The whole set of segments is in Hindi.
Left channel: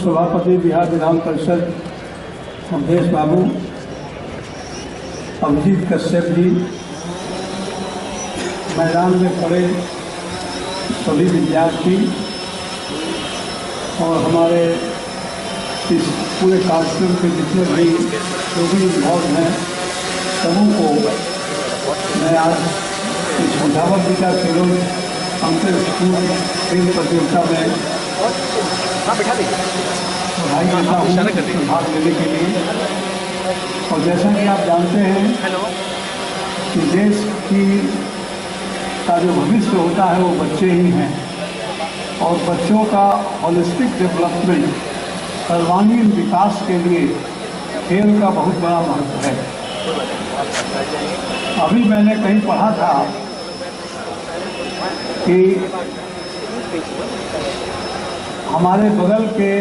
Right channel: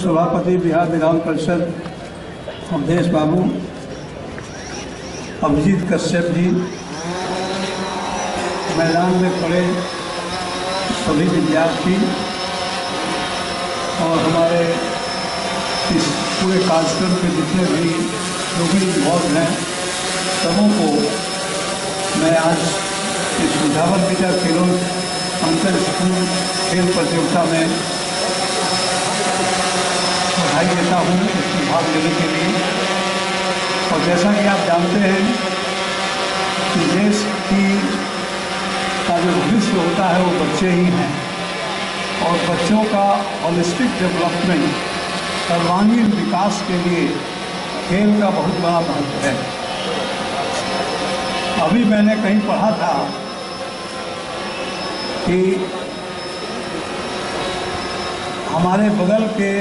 सभापति बिहार विधान परिषद अवधेश बाबू, अभिजीत कश्यप जी, मैदान में खड़े सभी विद्यार्थी और हमारे इस पूरे कार्यक्रम के जितने भी जो भी इन्वॉल्व हैं सबों को मैं आज इस मुजावर बीटा खेलों अंतर स्कूल खेल प्रतियोगिता में पढ़ाई देता हूँ भाग लेने के लिए। और जैसा कि आप जानते हैं कि देश का जो भविष्य होता है वो बच्चे ही हैं और बच्चों का होलिस्टिक डेवलपमेंट, सर्वांगीण विकास के लिए खेल का बहुत बड़ा महत्व है। अभी मैंने कहीं पढ़ा था कि हमारे बगल के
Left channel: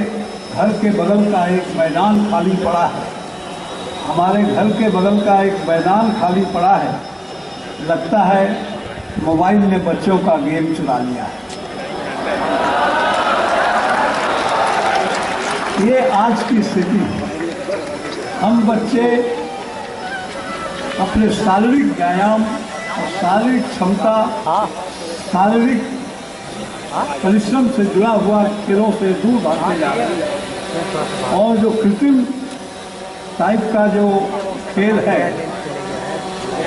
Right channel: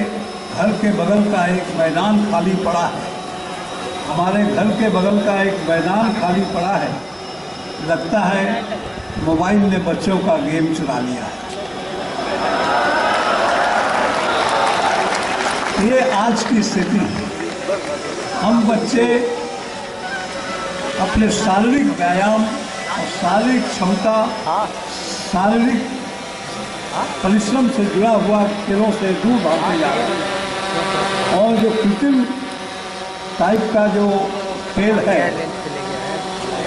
घर के बगल का एक मैदान खाली पड़ा है, हमारे घर के बगल का एक मैदान खाली पड़ा है, लगता है मोबाइल ने बच्चों का गेम चुरा लिया है। ये आज की स्थिति है। हम बच्चे अपने शारीरिक व्यायाम और शारीरिक क्षमता, शारीरिक परिश्रम से जुड़ा हुआ खेलों से दूर भागते जा रहे हैं और जो कृत्रिम टाइप का जो खेल है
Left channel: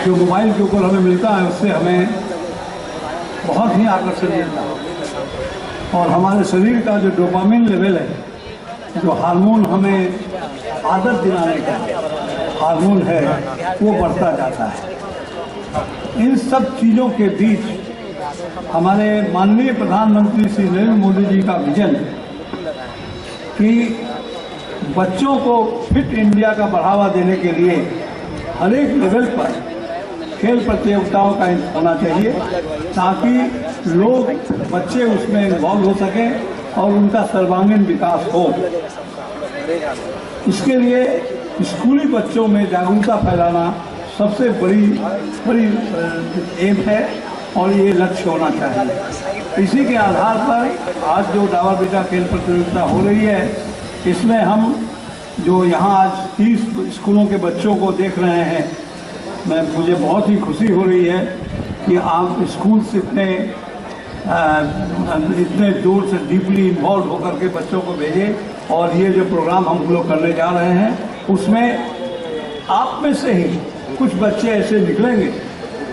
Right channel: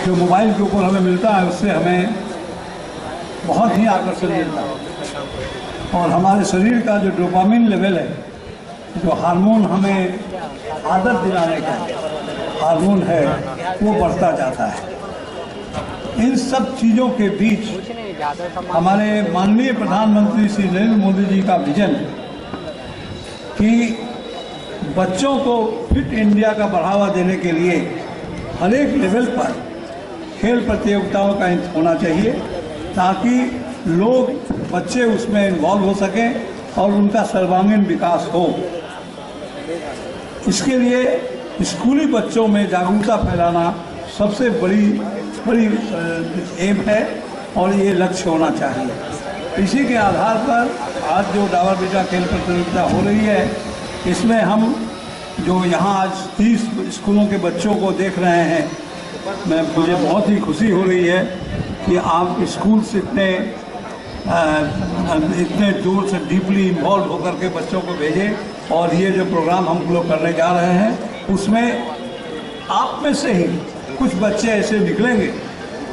जो मोबाइल के ऊपर हमें मिलता है उससे हमें बहुत ही आकर्षण मिलता है और हमारे शरीर का जो डोपामिन लेवल है, जो हार्मोन हमें आदत दिलाने का हार्मोन है, वो बढ़ता जाता है। इन सब चीज़ों के बीच हमारे माननीय प्रधानमंत्री श्री नरेंद्र मोदी जी का विजन कि बच्चों को फिट इंडिया का बढ़ावा देने के लिए हर एक लेवल पर खेल प्रतियोगिताओं का होना चाहिए ताकि बच्चे उसमें इन्वॉल्व हो सकें और उनका सर्वांगीण विकास हो। इसके लिए स्कूली बच्चों में जागरूकता फैलाना सबसे बड़ी एम है और ये लक्ष्य होना चाहिए। इसी के आधार पर आज जो डावर बीटा खेल प्रतियोगिता हो रही है, इसमें हम जो यहाँ आज 30 स्कूलों के बच्चों को देख रहे हैं, मुझे बहुत ही खुशी हो रही है कि आप स्कूल से इतने दूर से डीपली इन्वॉल्व होकर के बच्चों को भेजें और ये जो प्रोग्राम हम लोग करने जा रहे हैं उसमें आप में से ही कुछ बच्चे ऐसे निकलेंगे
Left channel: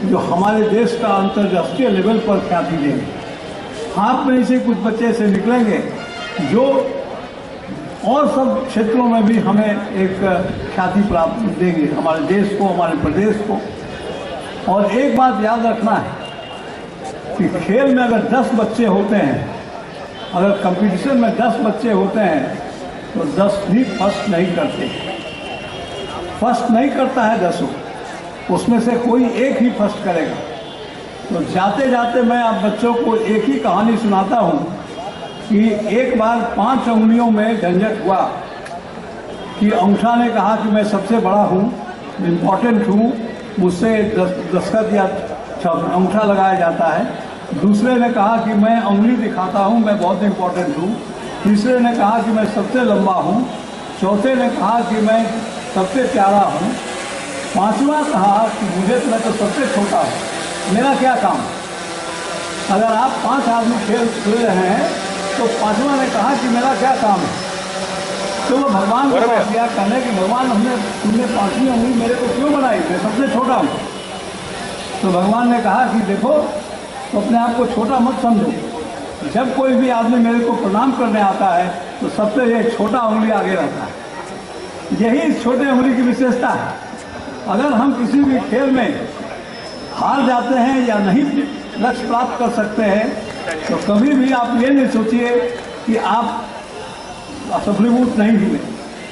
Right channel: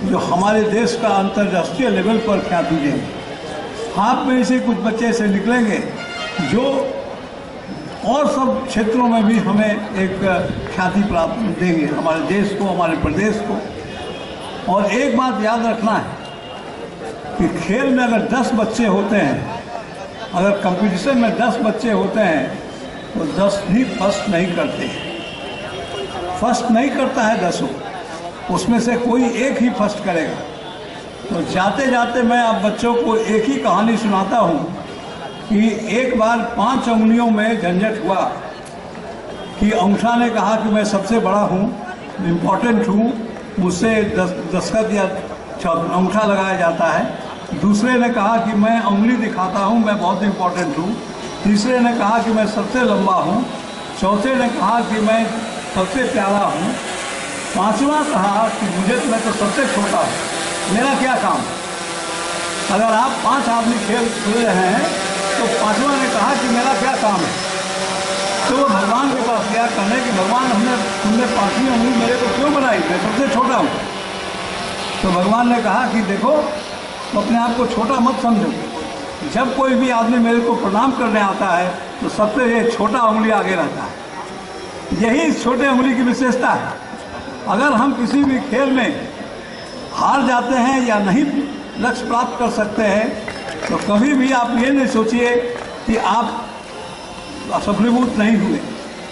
जो हमारे देश का अंतर्राष्ट्रीय लेवल पर ख्याति देंगे। आप में से कुछ बच्चे ऐसे निकलेंगे जो और सब क्षेत्रों में भी हमें एक ख्याति प्राप्त देंगे, हमारे देश को, हमारे प्रदेश को। और एक बात याद रखना है कि खेल में अगर 10 बच्चे होते हैं, अगर कंपटीशन में 10 बच्चे होते हैं तो 10 भी फर्स्ट नहीं करते। फर्स्ट नहीं करता है 10, उसमें से कोई एक ही फर्स्ट करेगा। तो जाते जाते मैं आप बच्चों को एक ही कहानी सुनाता हूँ कि एक बार 5 उंगलियों में झंझट हुआ कि अंगूठा ने कहा कि मैं सबसे बड़ा हूँ, इम्पोर्टेंट हूँ, मुझसे दस्तखत या अंगूठा लगाया जाता है। दूसरे ने कहा कि मैं उंगली दिखाता हूँ, मैं बहुत इम्पोर्टेंट हूँ। तीसरे ने कहा कि मैं सबसे लंबा हूँ। चौथे ने कहा कि मैं सबसे प्यारा हूँ। पांचवा कहा कि मैं तो सबसे छोटा हूँ, मेरा क्या काम। अगर आप 5 आदमी खेल खेल रहे हैं तो पांचवा ने कहा कि मेरा क्या काम है। तो वो भगवान के पास क्या कहने कि भगवान तुमने 5वीं उंगली मेरे को क्यों बनाई, मैं सबसे छोटा हूँ। तो भगवान ने कहा कि देखो, तो अपने आप को छोटा मत समझो। जब कोई भी आदमी मेरे को प्रणाम करने आता है तो सबसे ये छोटा उंगली आगे रहता है। यही इस छोटे उंगली की विशेषता है। अगर हम किसी भी खेल में हार जाते हैं या नहीं लक्ष्य प्राप्त कर सकते हैं तो कभी भी आप ये नहीं सोचिए कि आप असफलीभूत नहीं हुए,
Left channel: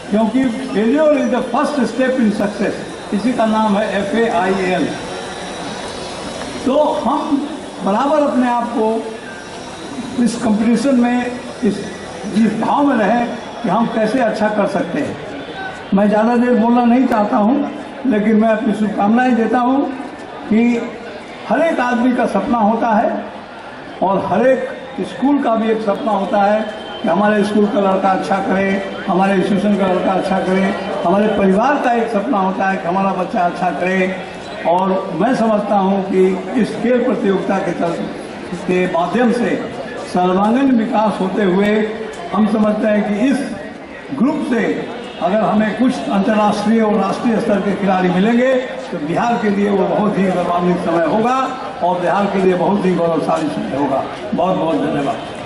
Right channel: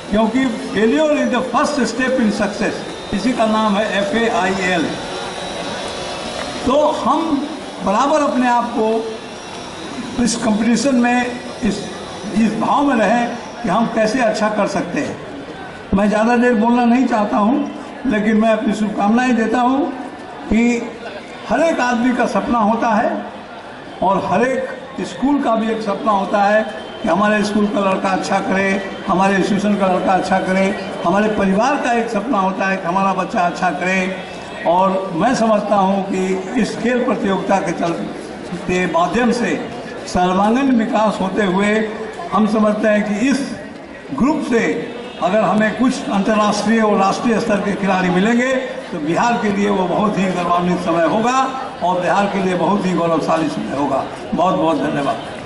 क्योंकि failure is the first step in success. इसी का नाम है FAIL। तो हम बराबर अपने आप को इस कंपटीशन में इस भाव में रहें कि हम कैसे अच्छा कर सकते हैं। मैं ज़्यादा देर बोलना नहीं चाहता हूँ, लेकिन मैं अपनी शुभकामनाएं देता हूँ कि हर एक आदमी का सपना होता है और हर एक स्कूल का भी एक सपना होता है कि हमारे स्कूल का लड़का अच्छा करे, हमारे इंस्टीट्यूशन का लड़का अच्छा करे। हमारे परिवार का एक सपना होता है कि हमारा बच्चा अच्छा करे। और मैं समझता हूँ कि इस खेल प्रतियोगिता के माध्यम से सर्वांगीण विकास होते हुए हम समझते हैं कि इस ग्रुप से अगर हमें कुछ अंतर्राष्ट्रीय और राष्ट्रीय स्तर के खिलाड़ी मिलेंगे तो बिहार के लिए वो बहुत ही गौरवान्वित समय होगा और बिहार के लिए बहुत ही गौरवशाली समय होगा। बहुत बहुत धन्यवाद।